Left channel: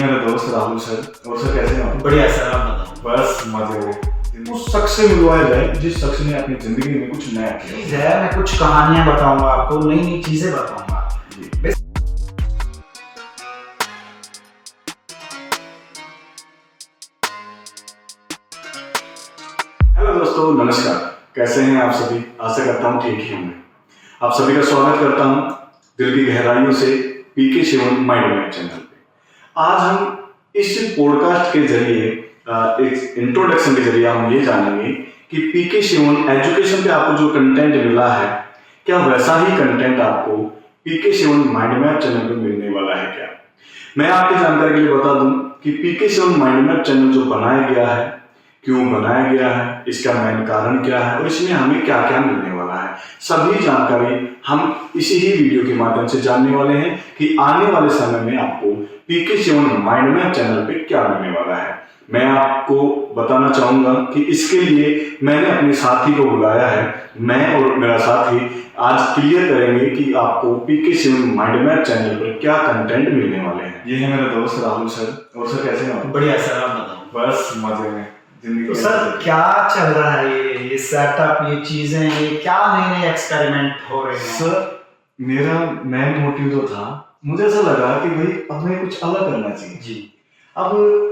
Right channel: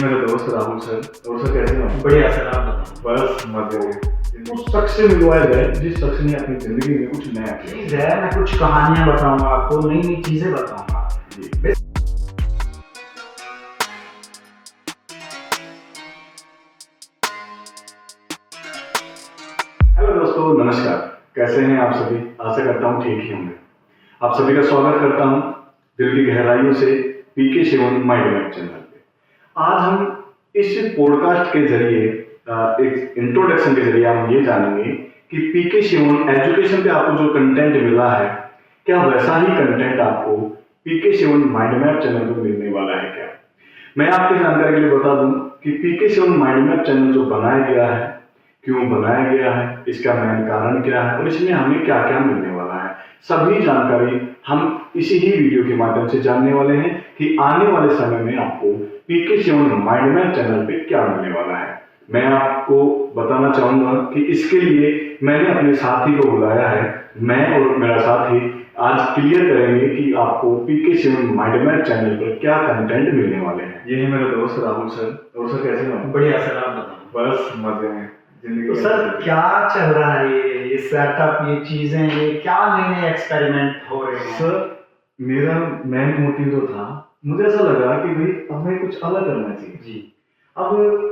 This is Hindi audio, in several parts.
मेरे दोस्त राहुल सर। और सर कैसे हो? बढ़िया सर, आप बताओ। बस मजे में। उस शख्स से मिलवाया जाए जिस शख्स ने अपनी जिंदगी में कुछ नया किया। चीज है, मैं कुछ कहानियां बताऊंगा आपको, नई नई चीजें बताऊंगा। जी। हेलो दोस्तों, नमस्कार। कैसे हैं आप सभी? आशा करता हूँ ठीक ही होंगे। आप सभी का स्वागत करता हूँ दिल की गहराइयों से पीके शिवन माइंड मैप चैनल पे। आज हम इस पॉडकास्ट के जरिए एक इंट्रोडक्शन के जरिए हम ये जानेंगे कि पीके शिवन एजुकेशन पे आपको जो कंटेंट मिला है, क्या वैसा ही कंटेंट आपको पीके शिवन माइंड मैप चैनल पे मिलने वाला है क्या? मैं आपकी जानकारी के लिए बता दूं कि पीके शिवन माइंड मैप चैनल जो बनाया गया है, क्यों बनाया गया है, इसका मेन कारण क्या है और इसमें हमें क्या क्या मिलने वाला है, सभी जानकारी हम इसी ही वीडियो के माध्यम से जानने वाले हैं कि आने वाले समय में आपको पीके शिवन माइंड मैप चैनल पे क्या मिलने वाला है। मैं आपको बताना चाहूंगा कि इसके लिए मैंने अपने साथी को बुलाया है। मैं और मेरा साथी आज क्लियर करेंगे कि आपको पीके शिवन माइंड मैप चैनल पर क्या कंटेंट मिलने वाले हैं। ये है मेरे दोस्त राहुल सर। और सर कैसे हो? बढ़िया सर, आप बताओ। बस मजे में। तो सर क्या चल रहा है, ये सेटअप, ये चीजें, ये क्या नए नए एक्सपेरिमेंट हो रहे हैं? सर मेरा मेन मोटिव जो था, मुझे ऐसा लगा कि भाई अब हमें कुछ अलग करना चाहिए जी। अब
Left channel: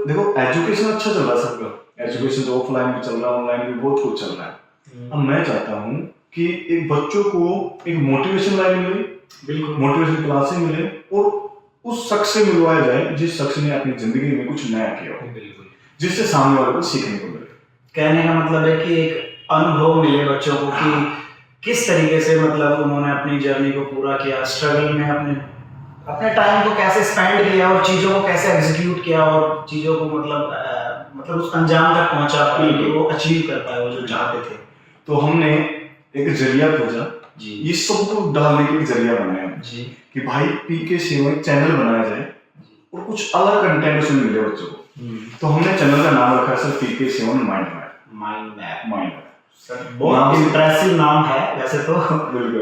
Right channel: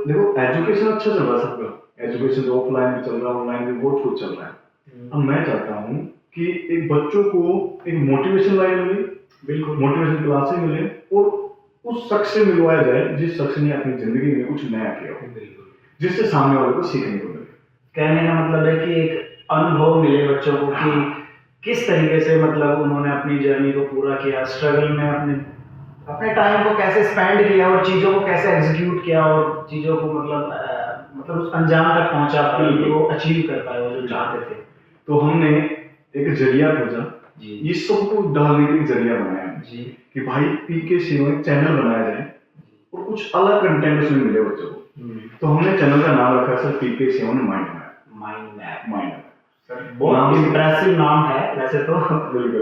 देखो, एजुकेशन अच्छा चल रहा है सबका। एजुकेशन तो ऑफलाइन भी चल रहा है, ऑनलाइन भी बहुत कुछ चल रहा है। अब मैं चाहता हूँ कि एक बच्चों को एक मोटिवेशन लाइन मिले, बिल्कुल मोटिवेशन क्लासेस मिले और उस शख्स से मिलवाया जाए जिस शख्स ने अपनी जिंदगी में कुछ नया किया हो, बिल्कुल, जिससे सामने वाले को सीखने को मिले। कहने का मतलब है कि एक अनुभव मिले बच्चों को कि किस तरीके से मतलब उन्होंने अपनी जर्नी को पूरा किया, स्ट्रगल में अपने टाइम को कैसे स्पेंड किया और चीज़ों को कैसे एग्जीक्यूट किया और चीज़ों को मतलब उस अंजाम तक पहुंचा पाए कि वो अचीव कर पाए वो जो चाहते थे। तो हमने एक जरिया खोजा जी, ये सबको डालने के लिए जरिया बनाया जी, कि भाई पीके शिवन चैनल बनाया जाए और कुछ अलग कंटेंट उसमें मिले बच्चों को। तो हमने चैनल का नाम रखा है sir P K Shivan mind map. Mind map sir बहुत इंप्रेसिव नाम है वैसे तो।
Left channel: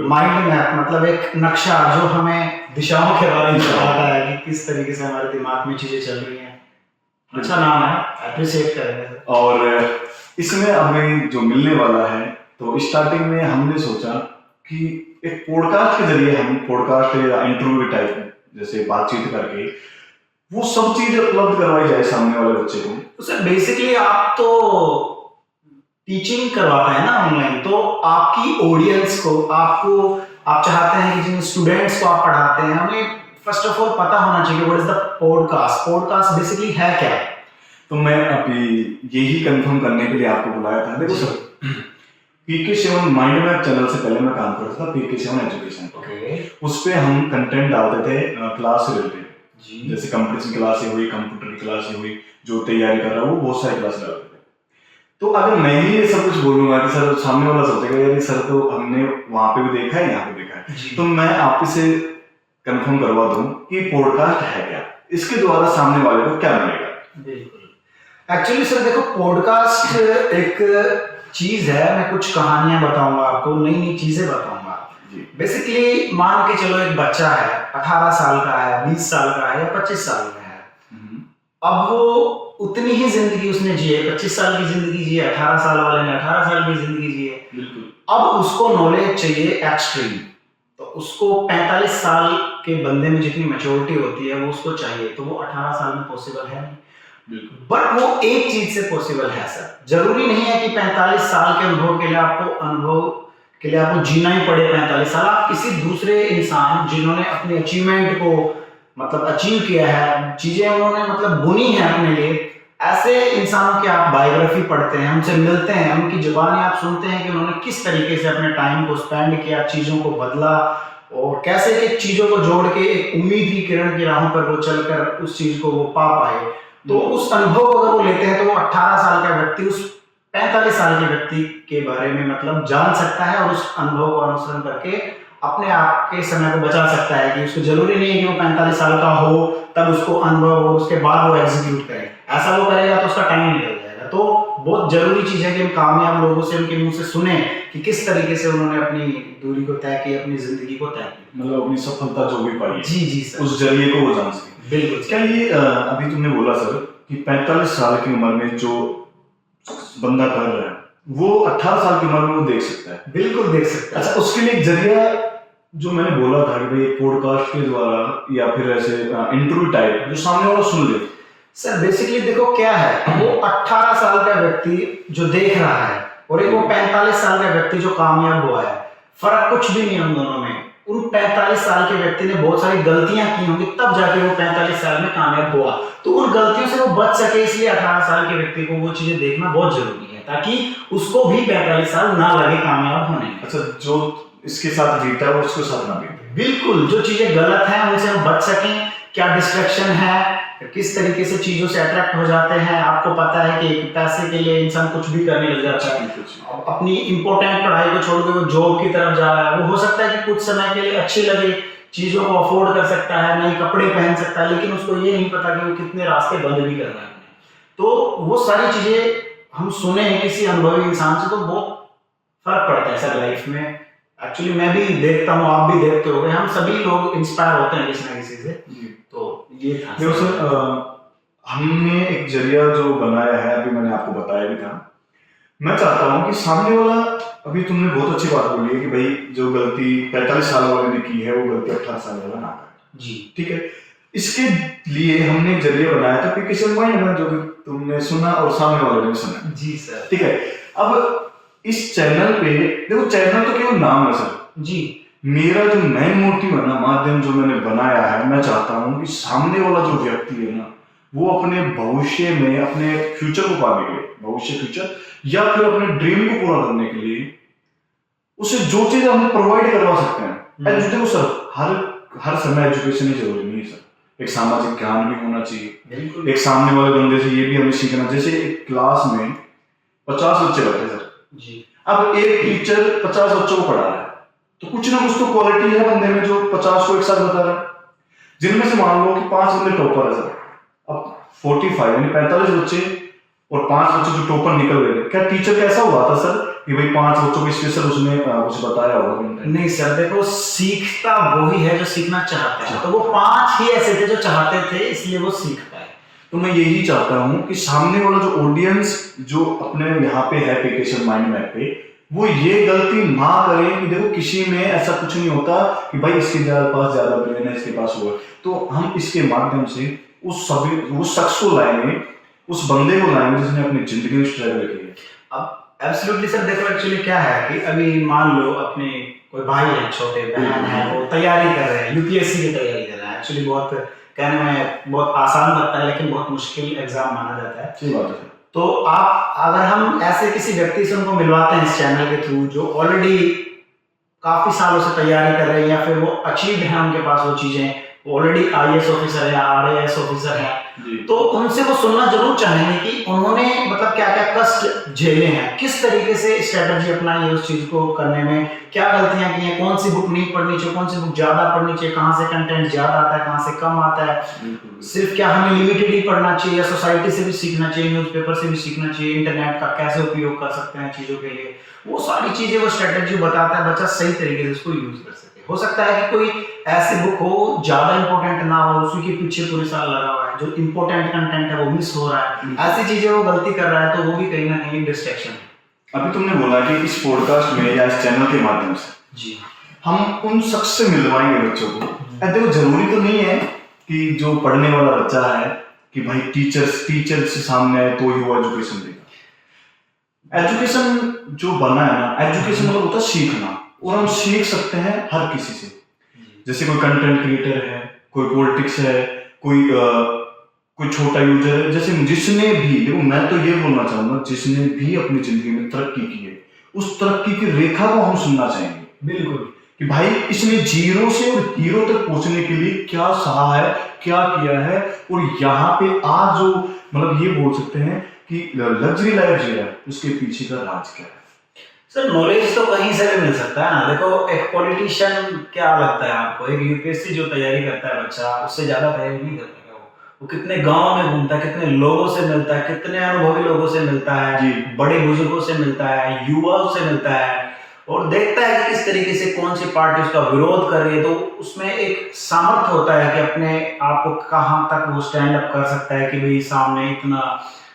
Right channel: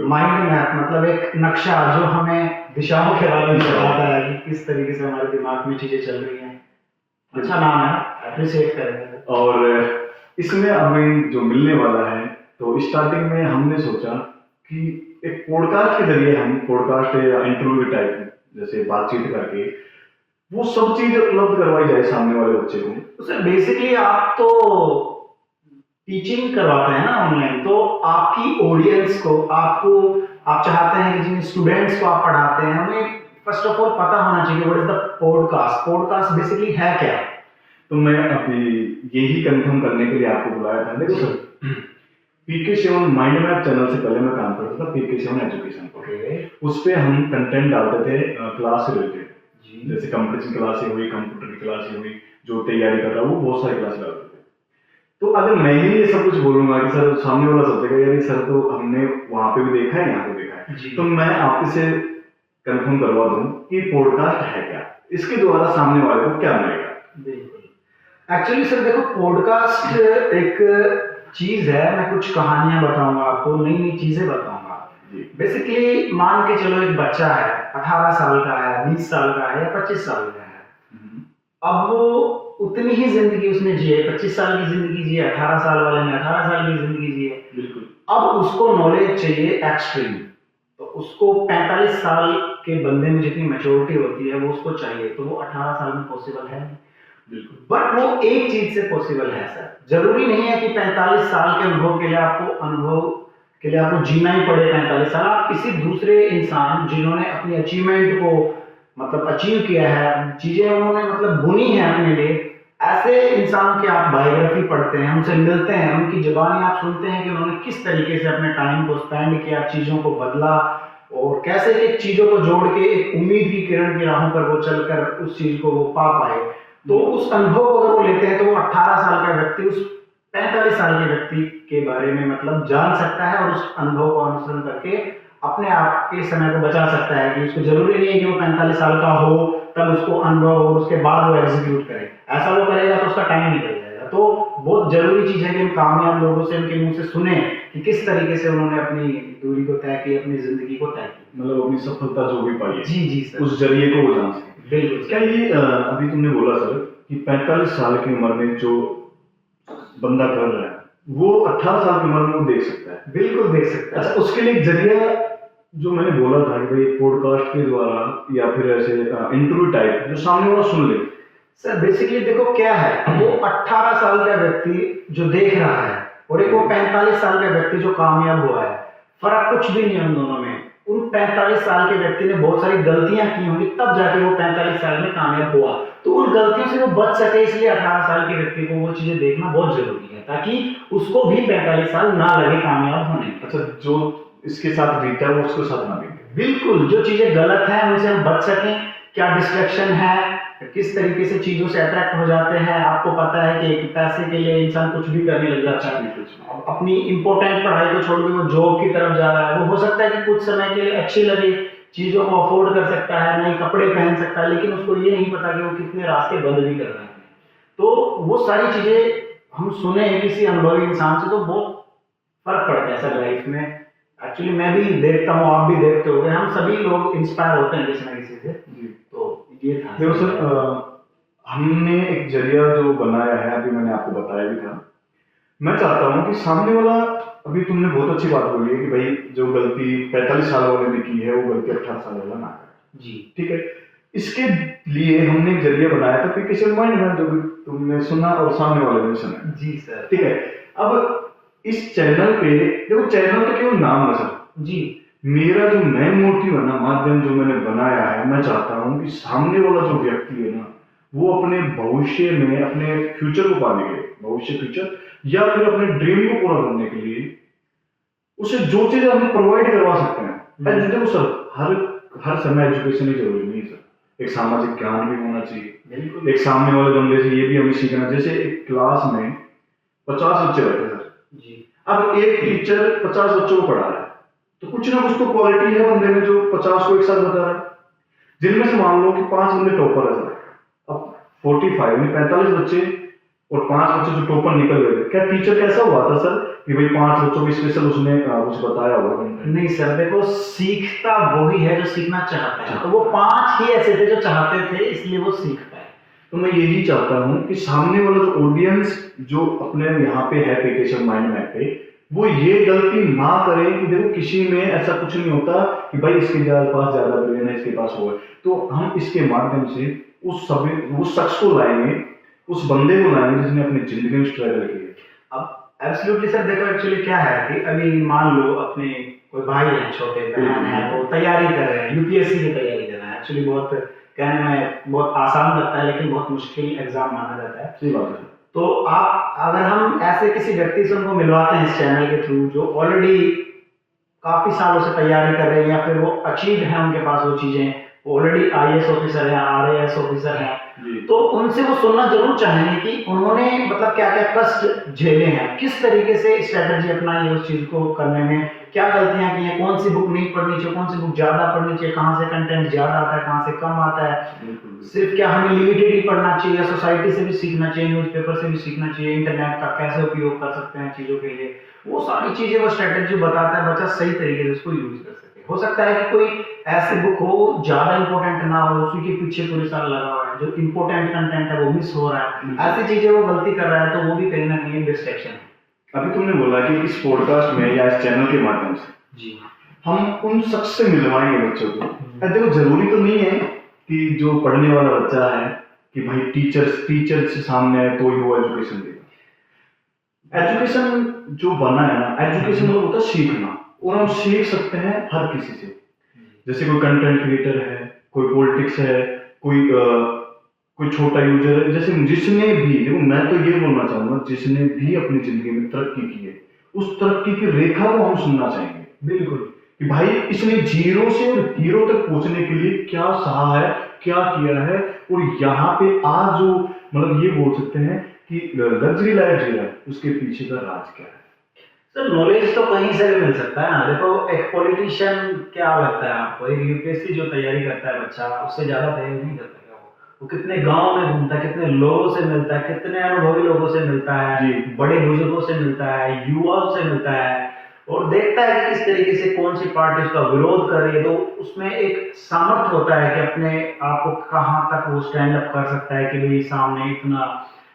माइंड मैप मतलब एक नक्शा जो हमें दिशाओं के बारे में बताता है कि किस तरीके से हमारे दिमाग में चीजें चल रही हैं। अच्छा नाम है, अप्रिशिएट करेंगे। और इसमें हमें जो मिलने वाला है, तो स्टार्टिंग में हमने सोचा कि एक पॉडकास्ट के जरिए हम पॉडकास्ट या इंटरव्यू टाइप जैसे बातचीत करके वो सब चीजें उपलब्ध करवाई जाए सामने वाले बच्चे को। तो सर बेसिकली आप तो टीचिंग करवाते हैं ना ऑनलाइन, तो आपकी ऑडियंस को आप चाहते हैं कि जिन स्टूडेंट्स को आप पढ़ाते हैं उन्हें फर्स्ट ऑफ ऑल पता होना चाहिए what is the podcast basically है क्या। तो मैं अभी यही कंफर्म करने के लिए आपको बुलाया था। देखो sir, P K Shivan mind map channel से पहले मैं काम करता था पीके शिवन एजुकेशन पे। उस पे हम कंटेंट डालते थे क्लास से रिलेटेड, जैसे कंपटीशन क्लासें हुई, कंप्यूटर की क्लासें हुई, जो तैयारी कर रहा है वो बहुत सारी क्लास डालते थे। तो अगर मैं ही ये सब कुछ बोलूंगा कि सर सामने वाला सोचेगा यार सर तो हमने वहां पे भी देखा है, यहाँ पे देखा है, तो मैं आपसे कंफर्म करवा दूं कि पॉडकास्ट है क्या, इसके द्वारा सामने वाले को क्या मिलेगा। बिल्कुल, एक्चुअली सर देखो, पॉडकास्ट एक चीज है, मैं कुछ कहानियां बताऊंगा आपको, नई नई चीजें बताऊंगा। बेसिकली मान के चलो एक बच्चा है, 18 साल का है, 20 साल का है या 25 साल का है। अब वो उतनी ही जिंदगी उसने जी है, 25 साल की जिंदगी जी है, 18 साल वाले ने 18 साल की जिंदगी जी है। बिल्कुल। अब उसको नॉलेज चाहिए एक्सट्रीम, तो उसको 45 साल के बंदे में जितनी मैच्योरिटी होती है वो उसको चाहिए, तो वो 18 साल में पॉसिबल है नहीं। बिल्कुल, बट वो एक चीज से पॉसिबल है सर। जरूरी नहीं है कि 45 साल के अनुभव के लिए आपको जीना ही पड़े 45 साल। आप किसी दूसरे इंसान जिन्होंने अपने अचीवमेंट को मतलब अचीव किया है, चीजें उन्होंने मतलब बुनी है अपने लिए, ऐसे इंसानों की आप बायोग्राफी पढ़ते हैं, उनसे मिलते हैं, उनकी जुबानी आप सुनते हैं कि उन्होंने किस तरीके से अपने टाइम को स्पेंड किया, चीजों को बदला और कैसे कि चीजों को जोड़ के एक उम्मीद की किरण की राहों पर वो चलकर उस चीज को वो पा पाए। तो उस अनुभव को अगर वो लेते हैं तो वो 18 साल का व्यक्ति उस 45 साल के व्यक्ति के बारे में मतलब जान सकता है और उस अनुभव को अनुसरण करके अपने आप के समय को बचा सकता है। कि उसको जरूरी नहीं है कि वो 45 साल का हो तब उसको अनुभव हो, उसके बाद वो एग्जीक्यूट करे। ऐसा वो करेगा तो उसका टाइम निकल जाएगा। तो बहुत जरूरी चीज़ है कि हम कामयाब लोगों से, उनके मुंह से सुने कि किस तरीके से उन्होंने अपनी दूरी को तय की, अपनी ज़िंदगी को तय की। मतलब अपनी सफलता जो भी पाई है जी जी सर, उस जरिए को वो जान सके। बिल्कुल। क्या ये अभी तुमने बोला सर कि 45 साल की उम्र में जो बंदा कर रहा है वो 18 साल की उम्र में वो देख सकता है? बिल्कुल देख सकता अच्छा, है। उसके लिए एक जरिया जो मैंने बोला था कि भाई पॉडकास्ट के द्वारा या फिर ऐसे इंटरव्यू टाइप जो सामने वाला सुन ले। सर बेसिकली देखो क्या है, वो 18 साल का व्यक्ति जो देख रहा है और एक वो 45 साल का व्यक्ति जो कामयाब हुआ है, फर्क कुछ भी नहीं है उन दोनों में। उन 45 साल के व्यक्ति ने बहुत सारी गलतियां की होंगी, तब जाके वो 45 साल में कामयाब हुआ। तो उन गलतियों से वो बच सके, इसलिए 18 साल के व्यक्ति को वो चीजें देखना बहुत जरूरी है, ताकि उसको भी 45 साल ना लगे कामयाब होने में। अच्छा, जो इसके साथ बीता है उसके साथ ना बीते। बिल्कुल, जो चीजें गलत हैं उनसे हम बच सकें, क्या डिस्ट्रैक्शन है, किस तरीके से चीजों से अट्रैक्ट हो जाते हैं। आपको पता है कि एक पैसे के लिए इंसान कुछ भी करने लग जाता है, अपनी इंपॉर्टेंट पढ़ाई को छोड़ के वो जॉब की तरफ जा रहा है। वो हो सकता है कि कुछ समय के लिए अच्छी लगे, चीजों को अफोर्ड कर सकता है, नए कपड़े पहन सकता है, लेकिन उसको ये नहीं पता कि वो कितने रास्ते बंद भी कर रहा है। तो वो सारी चीजें हम सुने किसी अनुभवी इंसान से तो बहुत फर्क पड़ता है सर लाइफ में। एक्चुअली मैं भी देखता हूँ, आप भी देखते होंगे, हम सभी लोग इंस्पायर होते हैं किसी ना किसी से। तो ये था देखो सर, हमने एक जरिया जो बनाया है, अभी मैंने आपको बताया भी था। मैं चाहता हूँ कि सामने वाला, अभी तुमने बहुत अच्छी बात बोली है कि भाई जो गलती 45 साल वाले ने की है वो गलती 18 साल वाला ना करे। जी ठीक है, इसके लिए हमने एक जरिया बनाया था पीके माइंड में, जो भी तुमने सुना और सामने वाले ने भी सुना। जी सर। ठीक है, अब इस चैनल पे देखो, चैनल तो केवल नाम है सर जी। मेरा जो मेन मोटिव है ना, माध्यम जो मैंने बनाया है, मैं चाहता हूँ कि सामने वाला जो व्यक्ति है ना, वो अपने भविष्य में अपने फ्यूचर को पाने के लिए, भविष्य फ्यूचर या फिर अपने ड्रीम को पूरा करने के लिए उसे जो चीज हम प्रोवाइड करवा सकते हैं। देखो सर, हर समय एजुकेशन ही जरूरी नहीं है सर, एक सामाजिक ज्ञान भी होना चाहिए। बिल्कुल। एक सामने वाले बंदे से ये भी हमें सीखना, जैसे एक क्लास में 50 बच्चे रहते हैं सर जी। अब एक टीचर 50 बच्चों को पढ़ा रहा है, तो कुछ ना कुछ तो क्वालिटी है बंदे में जो 50 को एक साथ बता रहा है, जिनमें से मान लो कि 5 बंदे टॉपर है सर। अब 45 यानी 45 बच्चे और 5 बच्चे जो टॉपर निकल गए, क्या टीचर कैसा हुआ था सर कि भाई 5 बच्चों को स्पेशल उसने कुछ बताया होगा? नहीं सर, देखो सीखता वही है जो सीखना चाहता है, तो वो 5 ही ऐसे थे जो चाहते थे, इसलिए वो सीखता है। तो मैं यही चाहता हूँ कि सामने वाला जो ऑडियंस जो अपने यहाँ पे है पीके माइंड मैप पे, वो ये गलती ना करे कि देखो किसी में ऐसा कुछ नहीं होता कि भाई इसके पास ज्यादा ब्रेन है, इसके पास वो है। तो हम इसके माध्यम से उस शख्स को लाएंगे, उस बंदे को लाएंगे जिसने अपनी जिंदगी में स्ट्रगल की है। अब एब्सोल्युटली सर, देखो एक्चुअली क्या है कि अभी मान लो अपने कोई भाई है, छोटे बहन है, वो तैयारी कर रहे हैं, यूपीएससी की तैयारी कर रहे हैं। एक्चुअली बहुत कहने में बहुत आसान लगता है, लेकिन बहुत मुश्किल एग्जाम माना जाता है। सही बात है। तो आप अगर हम ऐसे किसी व्यक्ति से उनको मिलवाते हैं इस चैनल के थ्रू, जो ऑलरेडी काफी सालों से तैयारी कर रहे हैं, या फिर वो अचीव है उनके पास वो चीजें, ऑलरेडी आईएएस ऑफिसर है, आरएएस ऑफिसर है, तो उनसे वो सुनना जरूर चाहेंगे कि उन्होंने मतलब क्या क्या कष्ट झेले हैं, किस तरीके से स्ट्रेटजी अपनाई है उस चीज को करने में, क्या गलतियां की हैं, कौन सी बुक नहीं पढ़नी चाहिए, कौन सी बुक ज्यादा पढ़नी चाहिए, कहाँ से कंटेंट ज्यादा आता है, कहाँ से कम आता है, सिर्फ क्या हमें लिमिटेड ही पढ़ना चाहिए या सोसाइटी से भी सीखना चाहिए, न्यूज़पेपर से भी सीखना चाहिए, इंटरनेट का कैसे उपयोग कर सकते हैं चीजों के लिए, वो सारी चीजें वो स्ट्रेटजी बताता है, बच्चा सही तरीके से उसको यूज कर सके। हो सकता है कि कोई ऐसी बुक हो ज्यादा इंपॉर्टेंट ना हो, उसी के पीछे पूरे साल लगा हुआ है, जो इंपॉर्टेंट कंटेंट है वो मिस हो रहा है, ऐसी चीजें वो गलती कर रहा है, तो वो भी कहीं ना कहीं डिस्ट्रैक्शन है। अभी तुमने बोला कि इस पॉडकास्ट में या इस चैनल के माध्यम से जी हम उन शख्स से मिलवाएंगे बच्चों को। देखो जरूरी तो नहीं है कि जो पढ़ने वाला बच्चा है कि भाई टीचर से सामने आए तो ही वो एजुकेशन देगा। एजुकेशन जो बना है ना, एजुकेशन मतलब होता है सीखना, और हम सीख सकते हैं हर किसी से। जैसे कोई कंटेंट क्रिएटर है, कोई पॉलिटिक्स है, कोई छोटा यूजर है, जैसे जिसने भी, देखो मैं तो ये बोलना चाहूंगा, जिसने भी अपनी जिंदगी में तरक्की की है, उस तरक्की की रेखा को हम सुनना चाहेंगे। बिल्कुल, कि भाई इसने जीरो से और हीरो तक पहुंचने के लिए क्या सहा है, क्या किया है, और यहाँ पे आज जो मतलब ये बोल सकते हैं कि लग्जरी लाइफ जी है, उसके पीछे का राज क्या है। सर नॉलेज तो कहीं से भी मिल सकता है ना। देखो एक पॉलिटिशियन, क्या लगता है आपको, एक यूपीएससी जो तैयारी करता है बच्चा, उससे ज्यादा तैयारी नहीं करता है वो, वो कितने गांव में घूमता है, कितने लोगों से मिलता है, कितने अनुभवी लोगों से मिलता है, जी। बड़े बुजुर्गों से मिलता है, युवाओं से मिलता है और देखता है कि किस तरीके से कौन सी पार्टी उसका विरोध कर रही है। तो उसमें एक सामर्थ्य होता है कि अपने आप को कहाँ तक वो स्टैंड अप कर सकता है कि भाई सामने इतना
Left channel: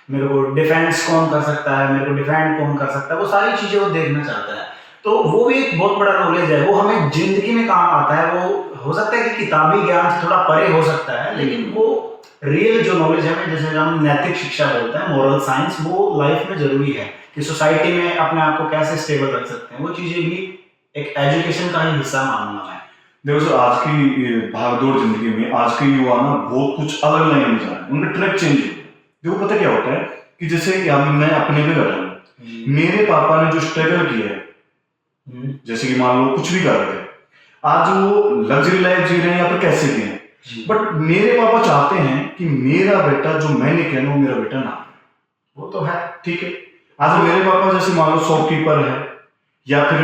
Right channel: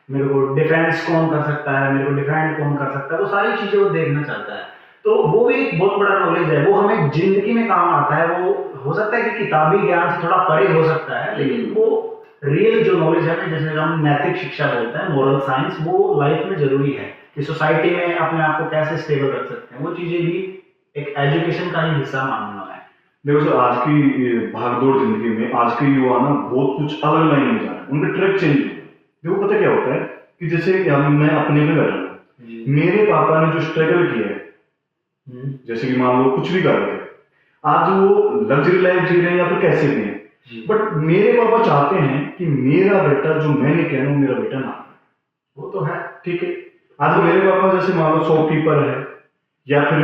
मेरे को डिफेंस कौन कर सकता है, मेरे को डिफेंड कौन कर सकता है, वो सारी चीजें वो देखना चाहता है। तो वो भी एक बहुत बड़ा नॉलेज है, वो हमें जिंदगी में काम आता है। वो हो सकता है कि किताबी ज्ञान से थोड़ा परे हो सकता है, लेकिन वो रियल जो नॉलेज है, जैसे हम नैतिक शिक्षा बोलते हैं, मोरल साइंस, वो लाइफ में जरूरी है कि सोसाइटी में अपने आप को कैसे स्टेबल रख सकते हैं। वो चीजें भी एक एजुकेशन का ही हिस्सा मानूंगा मैं। देखो सर, आज की भागदौड़ जिंदगी में आज के युवा ना बहुत कुछ अलग लाइन में जा रहे हैं, उनका ट्रैक चेंज हो गया। देखो पता क्या होता है कि जैसे कि मैं अपने पे बैठा हूँ, मेरे पापा ने जो स्ट्रगल किया है, जैसे कि मान लो कुछ भी कर रहे थे, आज वो लग्जरी लाइफ जी रहे हैं या फिर कैसे भी हैं, बट मेरे पापा चाहते हैं कि मेरा बेटा जो मैंने किया ना वो मेरा बेटा ना करे। वो तो है, ठीक है। आज मेरे पापा जैसे मान लो शॉपकीपर है या फिर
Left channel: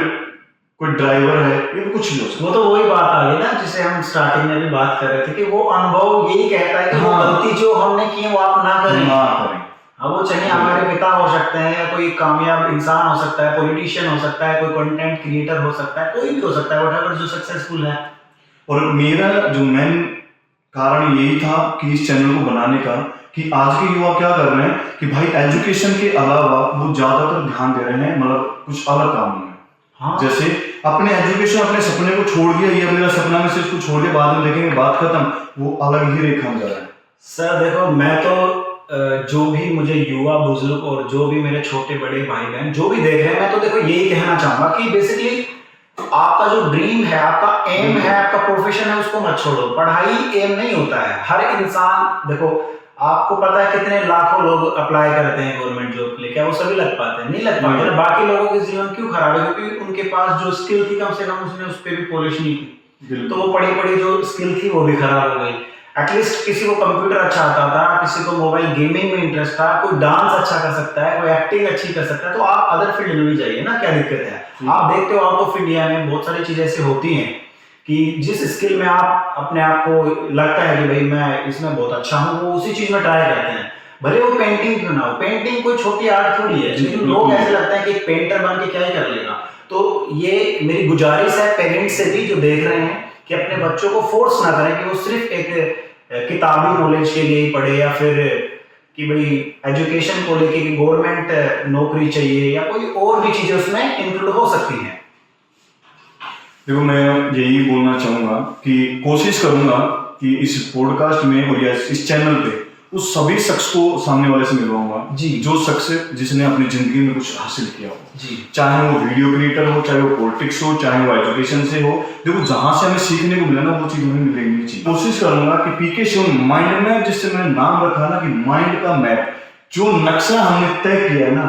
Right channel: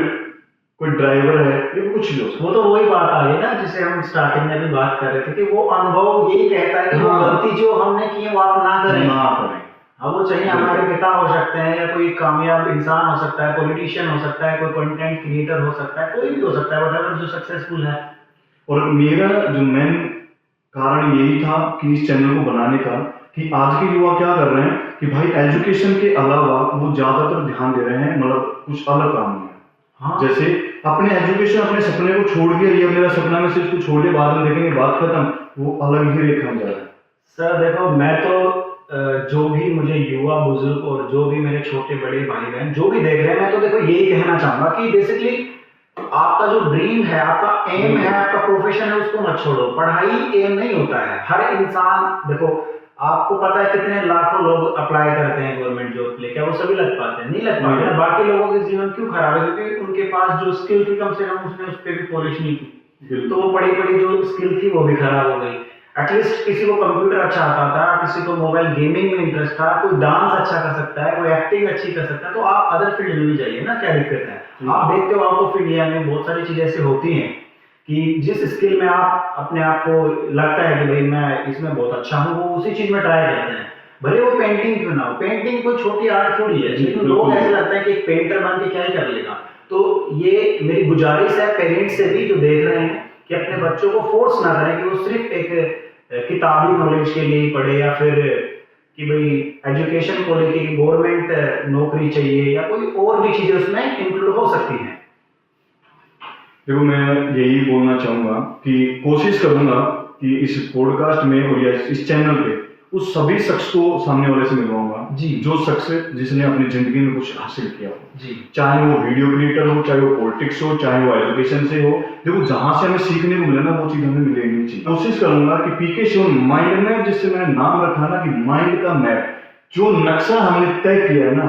कोई ड्राइवर है, ये कुछ भी हो सकता है। वो तो वही बात आ गई ना जिसे हम स्टार्टिंग में भी बात कर रहे थे कि वो अनुभव यही कहता है कि वो गलती जो हमने की वो आप ना करें। हाँ, वो चाहिए हमारे पिता हो सकते हैं या कोई कामयाब इंसान हो सकता है, पॉलिटिशियन हो सकता है, कोई कंटेंट क्रिएटर हो सकता है, कोई भी हो सकता है, व्हाटएवर जो सक्सेसफुल है। और मेरा जो मेन कारण यही था कि इस चैनल को बनाने का कि आज के युवा क्या कर रहे हैं कि भाई एजुकेशन के अलावा वो ज्यादातर ध्यान दे रहे हैं मतलब कुछ अलग काम में। हाँ। जैसे अपने एजुकेशन, अपने सपने को छोड़ दिया, ये मेरा सपना में से इसको छोड़ के बाद में देखेंगे, बात खत्म, वो अलग ही रेखा में जा रहा है। सर देखो, मैं तो जो भी मुझे युवा बुजुर्ग और जो भी मेरे छोटे बड़े भाई बहन जो भी देख रहे हैं, मैं तो देखो यही कहना चाहूंगा कि बेसिकली आपका जो ड्रीम है, आपका एम है, आपका प्रोफेशन है, उसको मत छोड़ो। पढ़ाई एम नहीं होता है। हर इंसान, देखो आपको पता है कितने लाखों लोग अप्लाई करते हैं गवर्नमेंट जॉब के लिए, क्या वो सभी लग पाते हैं? नहीं लग पाते ना। बाकी लोगों के जीवन क्यों खराब है? क्योंकि उनके पास जो स्किल थी कम से कम उसने उस पर भी पॉलिश नहीं की, तो वो पड़ी पड़ी जो स्किल थी वो भी खराब हो गई। एटलीस्ट किसी को कंप्यूटर अच्छा आता था, किसी को मोबाइल गेमिंग में इंटरेस्ट था, कोई डांस अच्छा कर सकता है, कोई एक्टिंग अच्छी कर सकता है, तो आप अदर फील्ड में भी जाइए ना, क्या दिक्कत है? आप देखते हो आउट ऑफ इंडिया में बहुत सारी चीजें ऐसी होती हैं कि जिस स्किल में आप अपने आप को लगता है कि भाई मैं इसमें बहुत अच्छा हूँ, वो उसी चीज में ट्राई करते हैं, भले वो पेंटिंग क्यों ना हो। पेंटिंग कोई छोटी आर्ट थोड़ी है, लेकिन लोग ऐसे लगता है कि एक पेंटर बन के क्या ही कर लेगा। तो ये मेरी गुजारिश है पेरेंट्स से भी जो देख रहे हैं कि अपने बच्चों को फोर्स ना करें कि वो सिर्फ एक किताबी नॉलेज के लिए ही पढ़े या फिर कि भाई एजुकेशन को लेके कि गवर्नमेंट नौकरी चाहिए या कोई और भी चीजें उसमें इंक्लूड हो सकती हैं। देखो मैं यही बोलना चाहूंगा कि कोशिश करूंगा कि इस पॉडकास्ट में और या इस चैनल पे उस सभी शख्स को सामने वाले से मिलवाऊंगा जी, जो शख्स जिसने अपनी जिंदगी में कुछ हासिल किया हो जी, चाहे वो वीडियो क्रिएटर हो, चाहे वो पॉलिटिक्स हो, चाहे वो एजुकेशन से हो। देखो जहां से हमें सीखने को मिले ना वो चीज हमें मिलेगी चाहिए। कोशिश करूंगा कि पीके शिवन माइंड मैप, जिससे मैंने नाम रखा ना कि माइंड का मैप, जो नक्शा हमने तय किया है ना,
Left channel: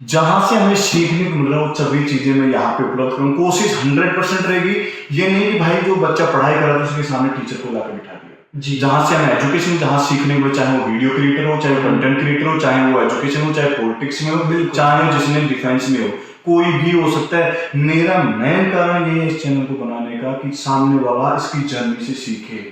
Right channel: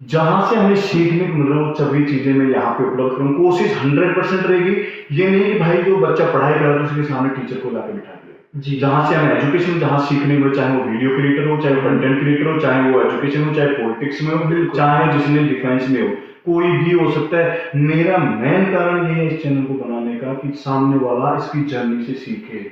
जहां से हमें सीखने को मिल रहा है वो सभी चीजें मैं यहाँ पे उपलब्ध करूँ। कोशिश 100% रहेगी। ये नहीं कि भाई जो बच्चा पढ़ाई कर रहा था उसके सामने टीचर को लाकर बिठा दिया जी, जहां से हमें एजुकेशन, जहां सीखने को, चाहे वो वीडियो क्रिएटर हो, चाहे कंटेंट क्रिएटर हो, चाहे वो एजुकेशन हो, चाहे पॉलिटिक्स में हो, चाहे जिसने डिफेंस में हो, कोई भी हो सकता है। मेरा मेन कारण ये है इस चैनल को बनाने का कि सामने वाला इसकी जर्नी से सीखे,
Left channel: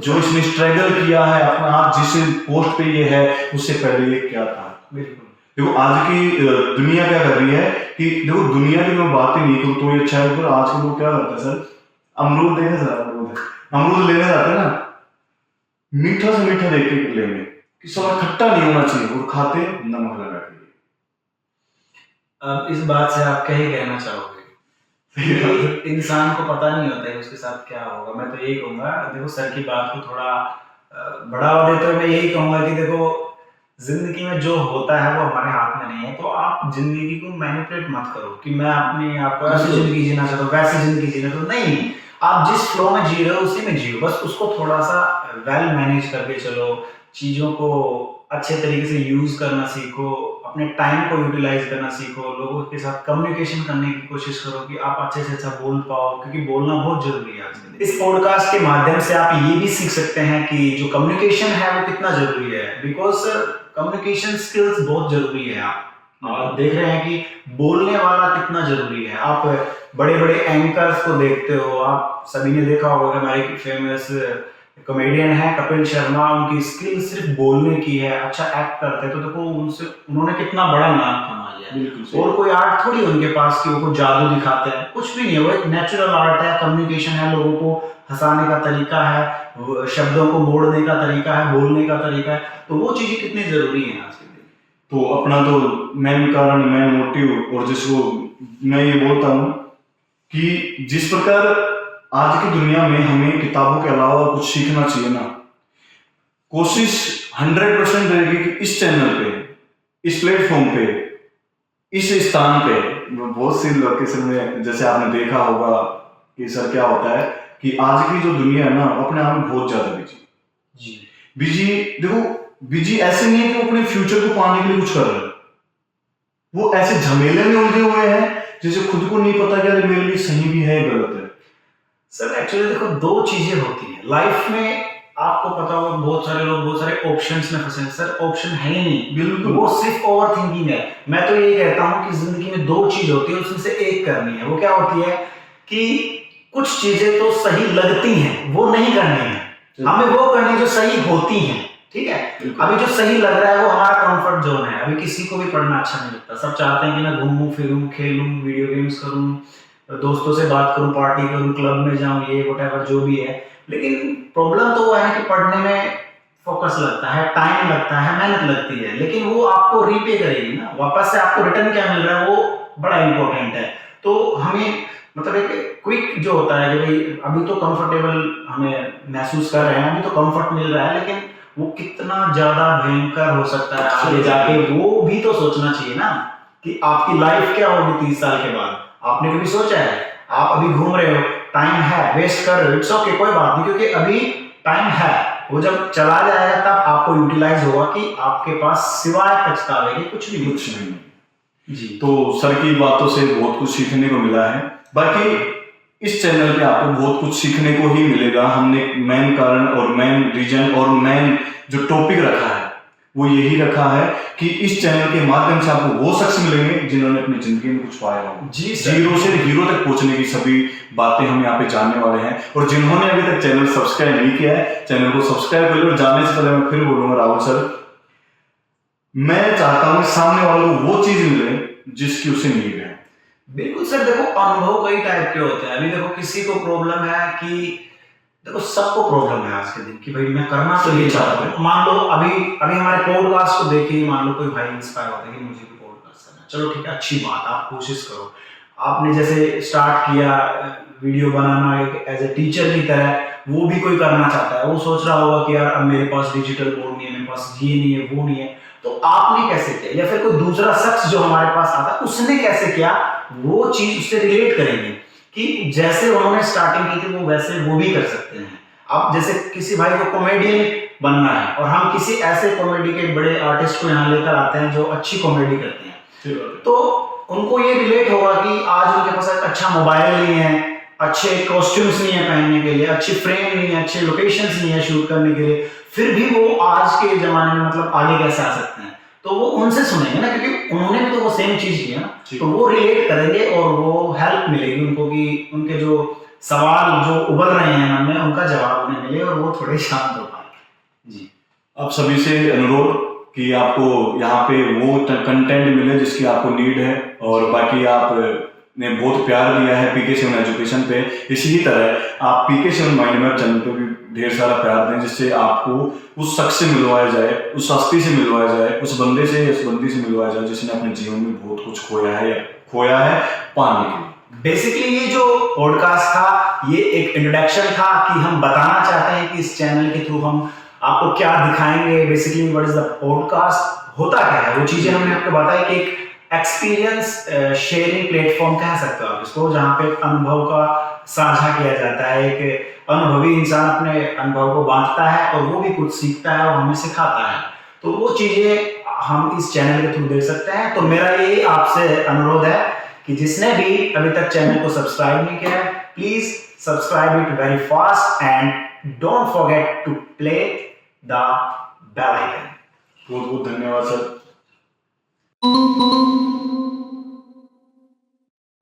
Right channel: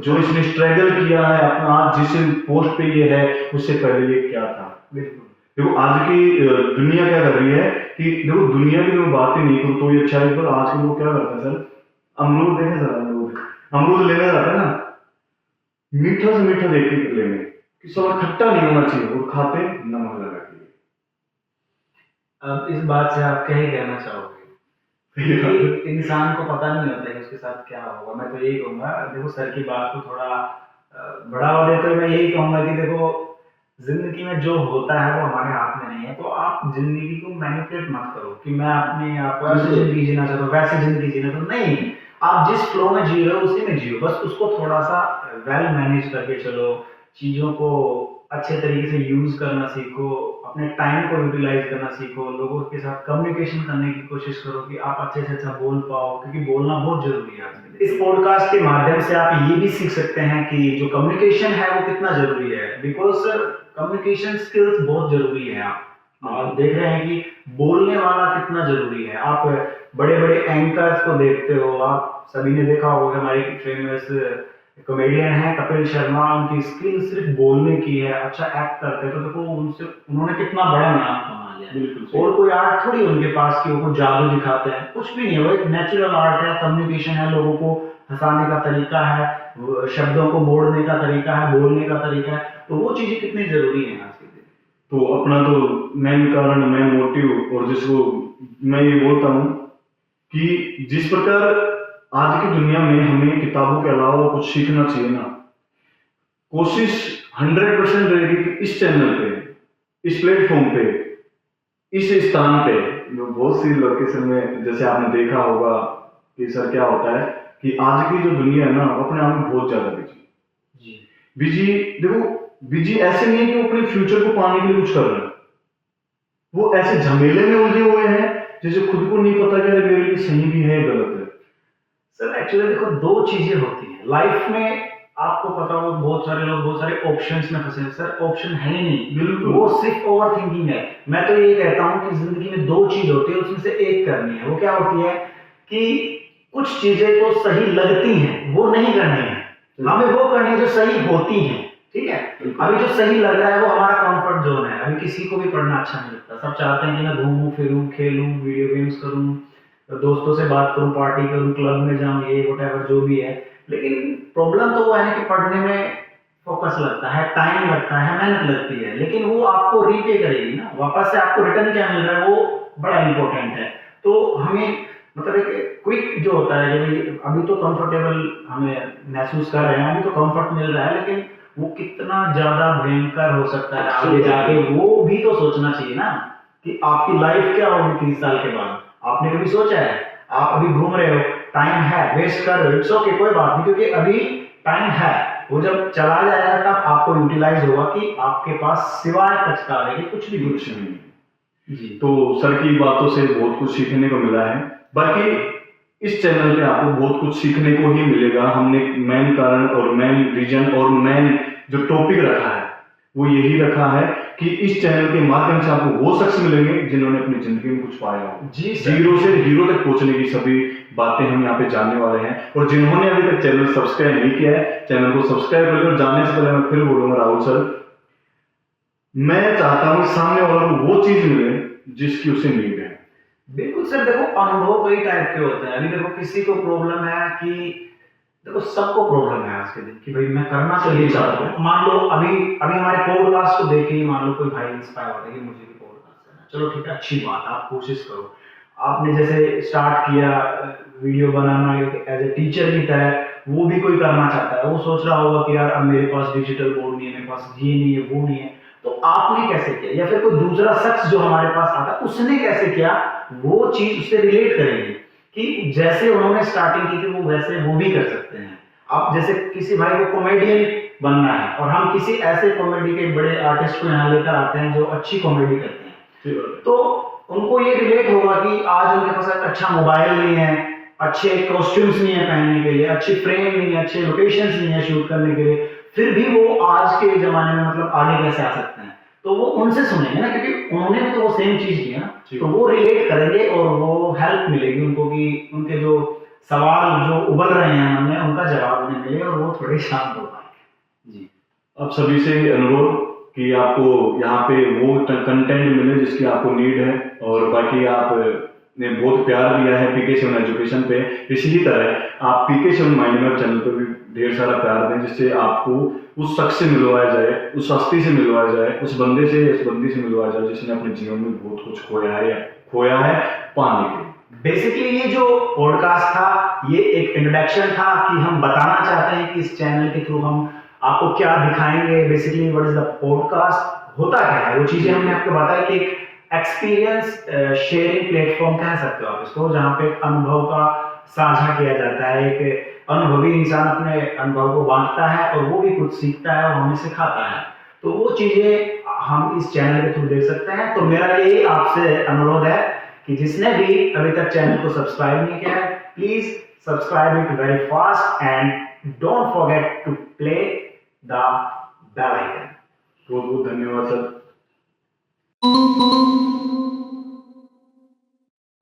जो इसने स्ट्रगल किया है अपना, आज जिस पोस्ट पे ये है उससे पहले ये क्या था। देखो आज की दुनिया क्या कर रही है कि देखो दुनिया की मैं बातें नहीं करूँ तो ये अच्छा है, पर आज के लोग क्या करते हैं सर, अमरूद देखे सर, अमरूद लेने जाते हैं ना, मीठा से मीठा देख के लेंगे कि साला खट्टा नहीं होना चाहिए, और खाते नमक लगा के। अब इस बात से आप क्या ही कहना चाहोगे? इंसान को पता नहीं होता है उसके साथ क्या होगा। मैं तो यही कहूंगा, देखो सर की बात को थोड़ा बढ़ावा देते हुए मैं यही कहूंगा कि देखो जिंदगी में जो होता है वो हमारे हाथ में नहीं है, तो आप जिंदगी को मैनिपुलेट मत करो कि मैं अपने आप को ऐसी जिंदगी जीना चाहता हूँ, वैसे जिंदगी जीना चाहता हूँ। नहीं, आप जिस फ्लो में जी रहे हो उसी में जियो, बस उसको थोड़ा सा वेल मैनेज करके चलो, चीज़ों को अच्छे तरीके से यूज़ करना सीखो, अपने टाइम को यूटिलाइज करना सीखो, लोगों के साथ कम्युनिकेशन करने की कोशिश करो कि आप अच्छे से अच्छा बोल पाओ, क्योंकि बोलना बहुत जरूरी है आज के दिन। इस पॉडकास्ट के माध्यम से आप ये भी सीख सकते हैं कि जो कम्युनिकेशन है वो कितना जरूरी है, बिकॉज कम्युनिकेशन स्किल्स बहुत जरूरी है। आप देख रहे हैं कि बोलने वाला कितना जरूरी है। आप बड़े बड़े एंकर्स को देखते हो, आप सभी ने देखा होगा कि हमारे फेमस कॉमेडियन है कपिल शर्मा, उनकी स्किल सिर्फ बोलने की है, अच्छा एक्ट करते हैं, तो देखो उनसे उन्होंने कितना बड़ा नाम कमा लिया। बिल्कुल सही। और कोई आर्ट थोड़ी उनके पास कि वो कोई जादू दिखाते हैं, कुछ भी नहीं है, वो एक नेचुरल आर्ट है, कम्युनिकेशन है, लोगों को हंसाने का तरीका है, शब्दों को मोड़ने का तरीका है, बोलने का तरीका है, तो वो चीजें कितनी जरूरी है आज के दिन। तो अपना तो मेन कारण, मेन मोटिव, और जिसको मैं ये बोलता हूँ कि जिस प्रकार आज की दुनिया में हमें किताबों के अलावा कुछ सीखना चाहिए ना, कोशिश 100% रहेगी कि इस चैनल पे, इस प्लेटफॉर्म पे, इस स्थान पे, बहुत सी लोकेशन में जैसे आपने देखा होगा कि सर क्या होता है कि आज की जो दुनिया है ना, अपने आप में बहुत ज्यादा बिजी जी बिजी देखो, बिजी ऐसे नहीं है कि वो अपने फ्यूचर को पाने के लिए कुछ कर रहे हैं, वो ऐसे झमेले में उलझे हुए हैं जैसे खुद को नहीं पता कि अरे मेरे लिए सही भी है गलत है। सर एक्चुअली देखो दो चीजें होती हैं लाइफ में, आपको पता होगा बहुत सारे लोग बहुत सारे ऑप्शंस में फंसे हैं। सर ऑप्शन है ही नहीं, बिल्कुल। वो सिर्फ ओवर थिंकिंग है। मैं तो यही कहता हूँ कि जिंदगी में दो चीज होती है, उसमें से एक करनी है। वो क्या होती है कि कुछ चीजें तो सही लगती हैं, वो नहीं करनी है, हमें वो करनी है जो सही होती हैं। ठीक है, बिल्कुल। अभी जो सही लग रहा है वो हमारा कंफर्ट जोन है। अभी किसी को भी पढ़ना अच्छा नहीं लगता, सब चाहते हैं कि मैं घूमूं फिरूं, खेलूं, वीडियो गेम्स करूं, दोस्तों से बात करूं, पार्टी करूं, क्लब में जाऊं, ये व्हाटएवर जो भी है। लेकिन प्रॉब्लम तो वो है कि पढ़ने में फोकस लगता है, टाइम लगता है, मेहनत लगती है, लेकिन वो आपको रीपे करेगी ना, वापस से आपको रिटर्न क्या मिल रहा है वो बड़ा इंपॉर्टेंट है। तो हमें मतलब एक क्विक जो होता है कि भाई अभी तो कंफर्टेबल हमें महसूस कर रहे हैं, अभी तो कंफर्ट मिल रहा है, लेकिन वो कितना ज्यादा भयंकर हो सकता है आगे जाके, वो भी तो सोचना चाहिए ना कि आपकी लाइफ क्या होगी 30 साल के बाद। आपने कभी सोचा है? आप अभी घूम रहे हो, टाइम है, वेस्ट कर रहे हो, इट्स ओके, कोई बात नहीं, क्योंकि अभी टाइम है, वो जब चला जाएगा तब आपको यूटिलाइज होगा कि आपके पास सिवाय पछतावे के कुछ भी कुछ नहीं। जी तो सर की बातों से बहुत कुछ सीखने को मिला है। बाकी इस चैनल पे आपको बहुत कुछ सीखने को ही मिलेगा। हमने मेन कारण और मेन रीजन और मेन जो टॉपिक रखा है वो यही रखा है कि इस चैनल के माध्यम से आपको वो शख्स मिलेंगे जिन्होंने अपनी जिंदगी में कुछ पाया हो। जी सर। जीरो से हीरो तक पहुंचने की सभी बातें हम यहाँ पे जानने वाले हैं। और जिन्होंने अभी तक चैनल सब्सक्राइब नहीं किया है, चैनल को सब्सक्राइब कर लो। और जाने से पहले मैं फिर बोलूंगा राहुल सर, मैं चाहता हूँ सामने वालों को वो चीज मिले जिसकी उसे नीड है। बिल्कुल सर, देखो अनुभव कई टाइप के होते हैं। अभी देखो किसी को प्रॉब्लम है कि देखो सबको प्रॉब्लम है आज के दिन कि भाई मैं करना तो ये चाहता हूँ। मान लो अभी अभी हमारे पॉडकास्ट को देखे ही मान लो कोई भाई इंस्पायर होता है कि मुझे भी पॉडकास्ट करना है, चलो ठीक है, अच्छी बात, आप कोशिश करो। आपने जैसे स्टार्ट किया वीडियो बनाना एज ए टीचर की तरह, वो भी कोई करना चाहता है, वो सोच रहा होगा कि यार अब मेरे पास डिजिटल बोर्ड नहीं है, मेरे पास ये नहीं है, वो नहीं है, तो आपने कैसे किया, या फिर कोई दूसरा शख्स जो हमारे पास आता है उसने कैसे किया, वो चीज उससे रिलेट करेंगे कि जैसे उन्होंने स्टार्टिंग की थी वो वैसे वो भी कर सकते हैं। अब जैसे किसी भाई को कॉमेडियन बनना है और हम किसी ऐसे कॉमेडी के बड़े आर्टिस्ट को यहाँ लेकर आते हैं जो अच्छी कॉमेडी करते हैं, तो उनको ये रिलेट होगा कि आज उनके पास अच्छा मोबाइल नहीं है, अच्छे कॉस्ट्यूम्स नहीं है पहनने के लिए, अच्छी फ्रेम नहीं है, अच्छे लोकेशंस नहीं है शूट करने के लिए, फिर भी वो आज के जमाने में मतलब आगे कैसे आ सकते हैं। तो वो उनसे सुनेंगे ना, क्योंकि उन्होंने भी तो वो सेम चीज की है ना, तो वो रिलेट करेंगे और वो हेल्प मिलेगी उनको कि उनके जो सवाल जो उबल रहे हैं मन में उनका जवाब उन्हें मिले और वो थोड़े शांत हो पाए। जी आप सभी से अनुरोध कि आपको यहाँ पे वो कंटेंट मिले जिसकी आपको नीड है। और बाकी आपने बहुत प्यार दिया है पीके सेवन एजुकेशन पे, इसी तरह आप पीके सेवन माइंड मैप चैनल पे भी ढेर सारा प्यार दें, जिससे आपको उस शख्स से मिलवाया जाए, उस हस्ती से मिलवाया जाए, उस बंदे से या उस बंदी से मिलवाया जाए जिसने अपने जीवन में बहुत कुछ खोया है या खोया है पाने के लिए। बेसिकली ये जो पॉडकास्ट था ये एक इंट्रोडक्शन था कि हम बताना चाहते हैं कि इस चैनल के थ्रू हम आपको क्या दिखाएंगे, basically what is the podcast, होता क्या है, वो चीजें हमने आपको बताई कि एक एक्सपीरियंस शेयरिंग प्लेटफॉर्म कह सकते हो आप इसको, जहाँ पे अनुभव का साझा किया जाता है। एक अनुभवी इंसान अपने अनुभव को बांटता है और वो भी कुछ सीखता है और हमें सिखाता है, तो वो चीजें हम इस चैनल के थ्रू देख सकते हैं। तो मेरा ये आपसे अनुरोध है कि जिसने भी अभी तक चैनल को सब्सक्राइब नहीं किया है, please subscribe it very fast and don't forget to play the bell icon. बहुत बहुत धन्यवाद सर।